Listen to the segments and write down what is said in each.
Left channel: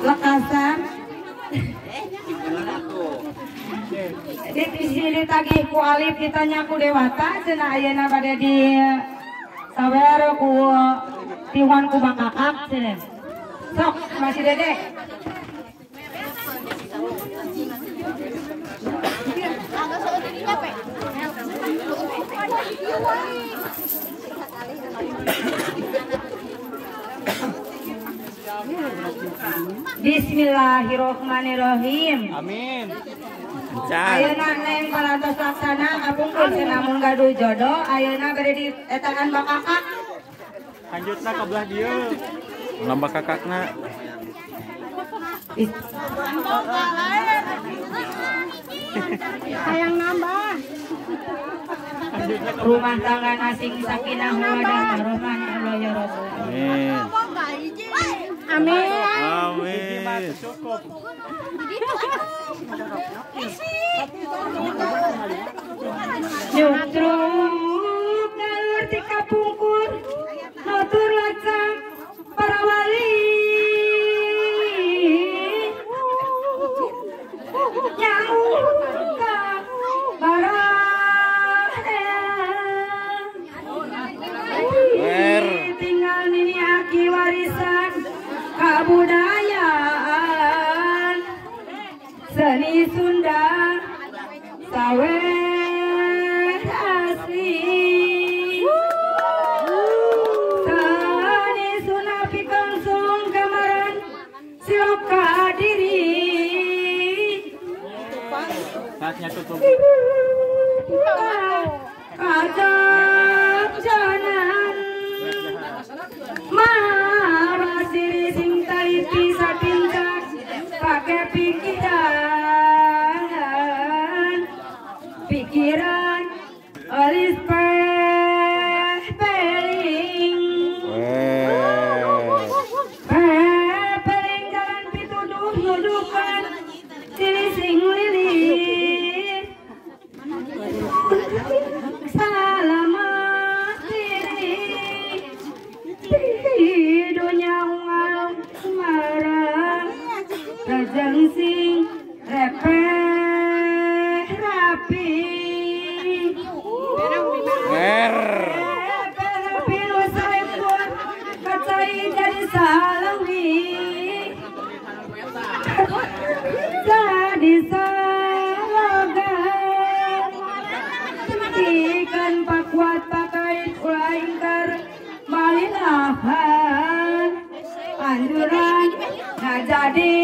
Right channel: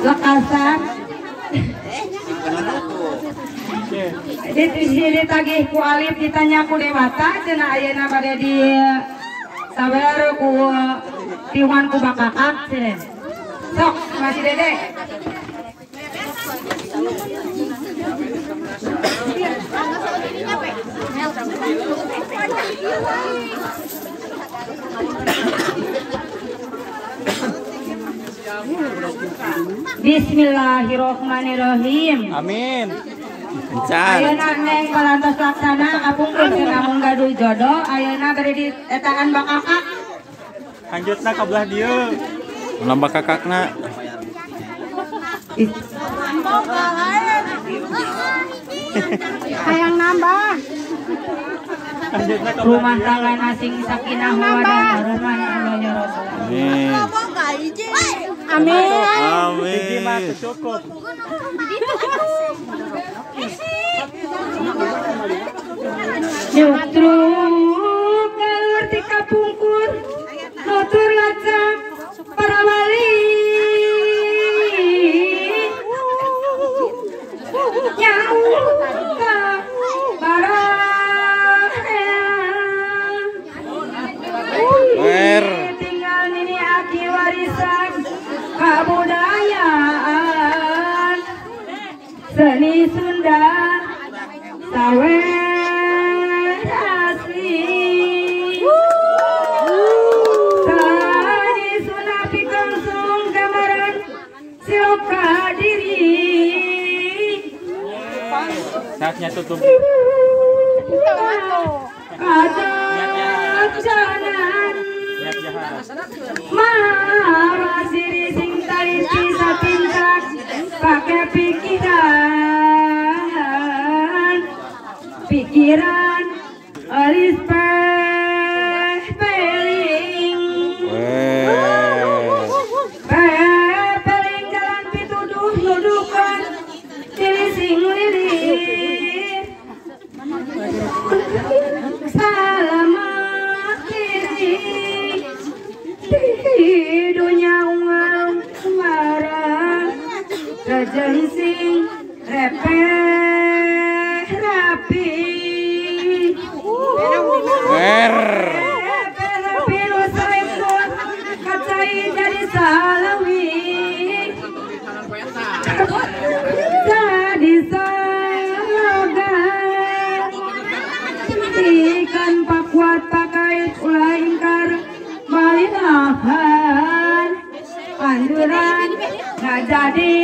lekasan. Di sini tagih ku alif ditanya ku dewata cenah ayeuna bade di sabar ku tiwan ku bakakak cenah. Sok masih Dede. Bismillahirrohmanirrohim. Amin. Ayeuna neng parantos laksana apung cenah mun gaduh jodoh ayeuna bade di etaan bakakak. Lanjutna ka belah dieu. Lamba kakakna. Hayang nambah. Rumah tangga nasing sakinah mawaddah warahmah Allah ya Rasul. Amin. Amin. Amin. Justru keluar di kapungkur motor lacak para wali nyauh ka barang tinggal nini aki warisan kebudayaan seni Sunda sawer saatnya tutup. Adat janan marasiri sing taliti sapintak pakai pikiran alis peling jalan pituduh nudukan diri sing lilir selamat diri di dunia warang kejensing rapi lu selingkuh kacai jadi salawi jadi salagan ikan pakuat pakai laingkar malinahan anjuran nggak jadi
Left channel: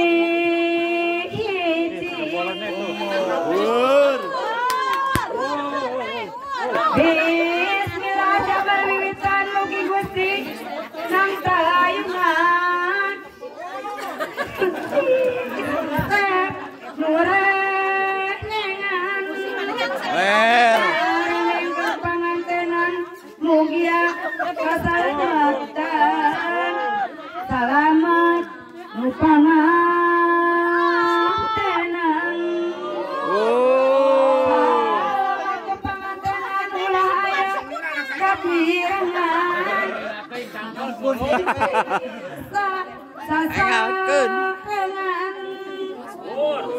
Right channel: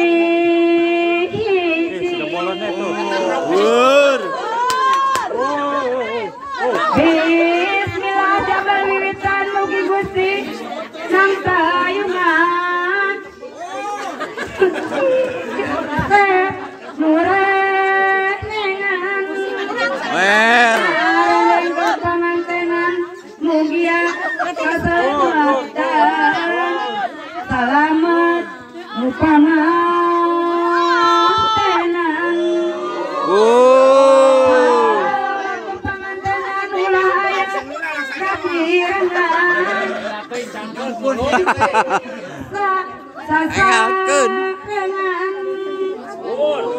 Bismillah jabal wiwitan mugi Gusti nang tayungan nurenengan pangantenan mugia keselamatan selamat mupangantenan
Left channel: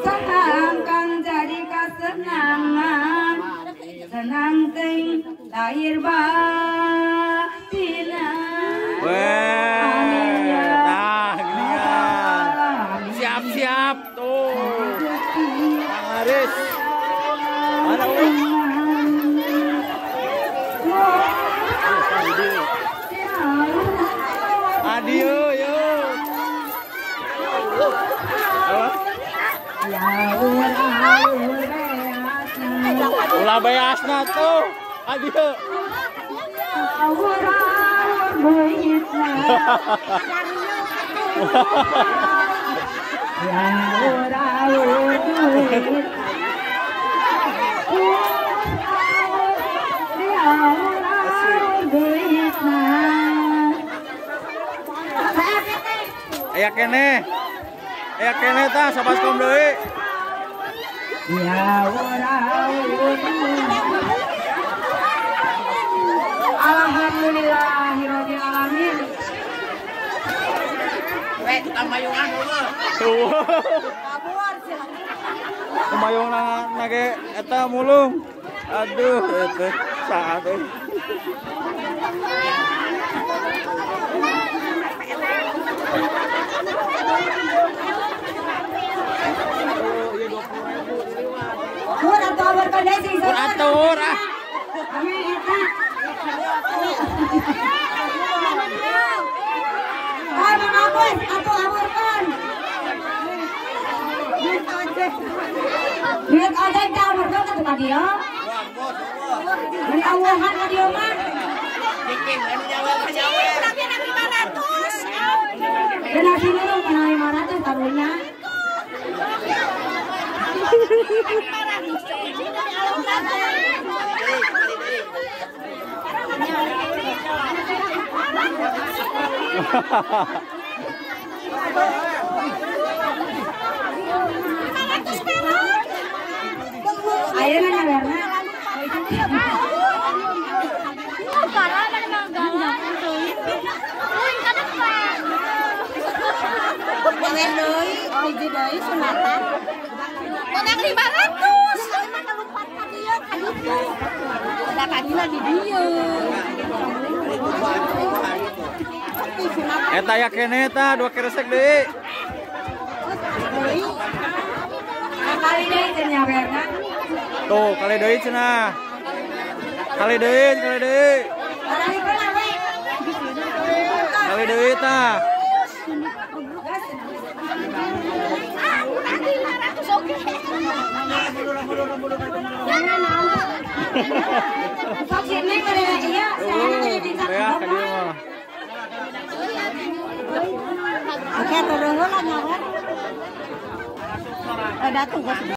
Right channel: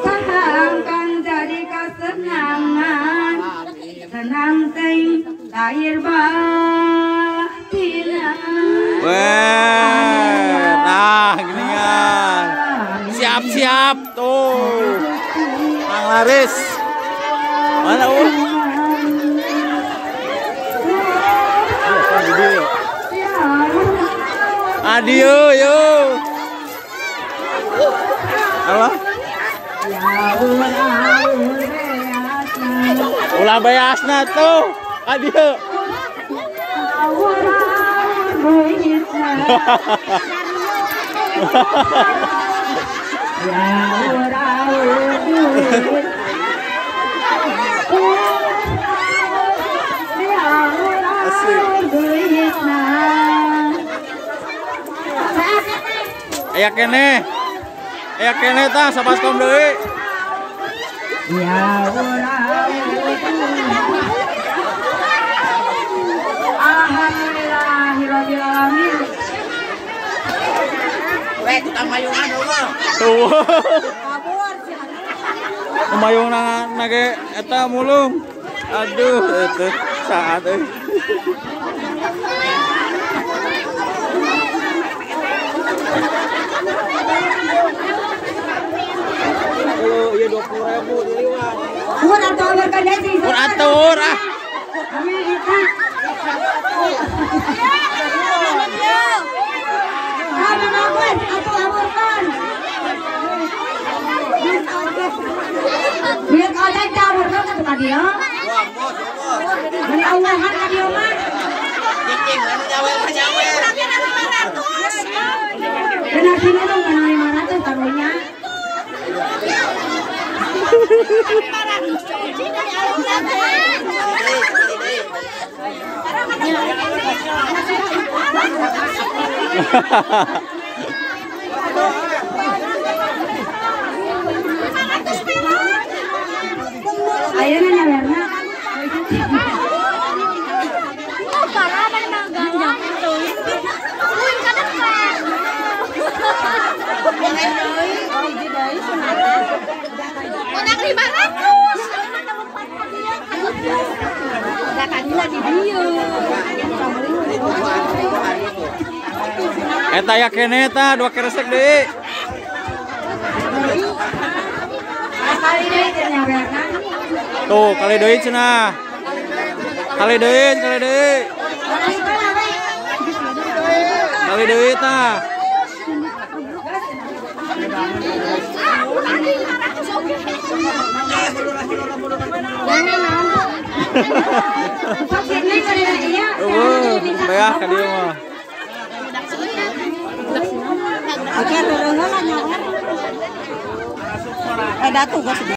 Sahangkan jadi kesenangan senang teng lahir batinan. Nah ginian. Siap-siap tuh. Mang Laris. Mana Adio yo. Apa? Ulah beasna tuh. Adio. Asik. Aya kene tah sabaskom deui. Ya alhamdulillahirabbil alamin. tukang mayungan dulu. Tuh. Mayung nage eta mulung. Aduh, itu saat euy. Halo, iya 20.000 diliwat. Mun atuh berkene sih. Pun atur ah. Biar ada cabut kan tuh dia. Wah, bos. Ini awahan ka dia mah. Cing, anu nyawer. Benar sini dong kena 500 taruhnya. 500 cuci dari alun-alun. Ayeuna nyawerna. Oh, parah ada manggalan itu. Uin ke depan. Jangan deui, hiji deui sunatna. Enak 500. Eta ya kene eta 2 keresek deui. Kali deui teh nyawerna. Tuh, kali deui cenah. Kali deui. Kali deui tah. Sok sini kali lagi ya. Bayah ka dieu mah. Oke, turun nyawer. Datu gak sedih.